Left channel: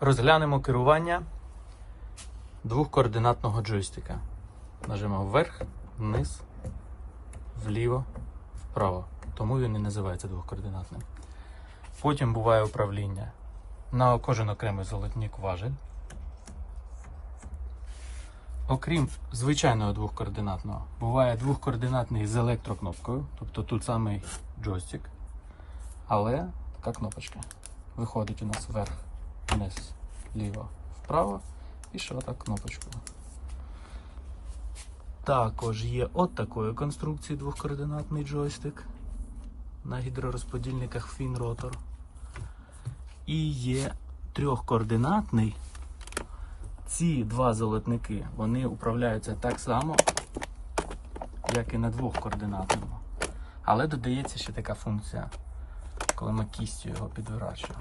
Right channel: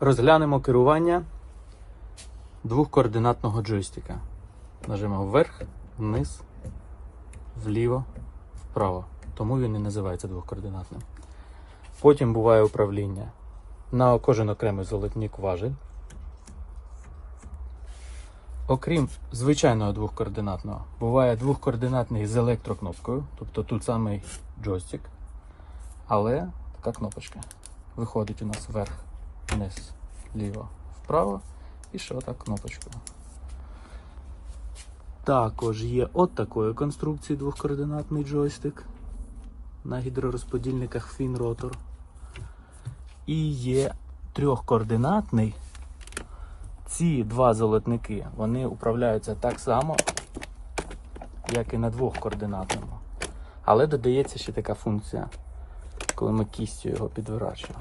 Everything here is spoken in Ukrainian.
Розглянемо керування двохкоординатного джойстика. Нажмемо вверх, вниз, вліво, вправо. Тому він і називається двохкоординатним. Потім буває управління на кожен окремий золотник важель. Окрім звичайного двохкоординатного, буває двохкоординатний з електрокнопкою, тобто тут самий джойстик, але така кнопочка. Виходить у нас вверх, вниз, ліво, вправо і ще отак кнопочкою. Також є от такої конструкції двохкоординатний джойстик на гідророзподільниках Finrotor. І є трьохкоординатний. Ці два золотники вони управляються так само, як і на двохкоординатному. Але додається ще така функція, коли ми кістю його підворачуємо.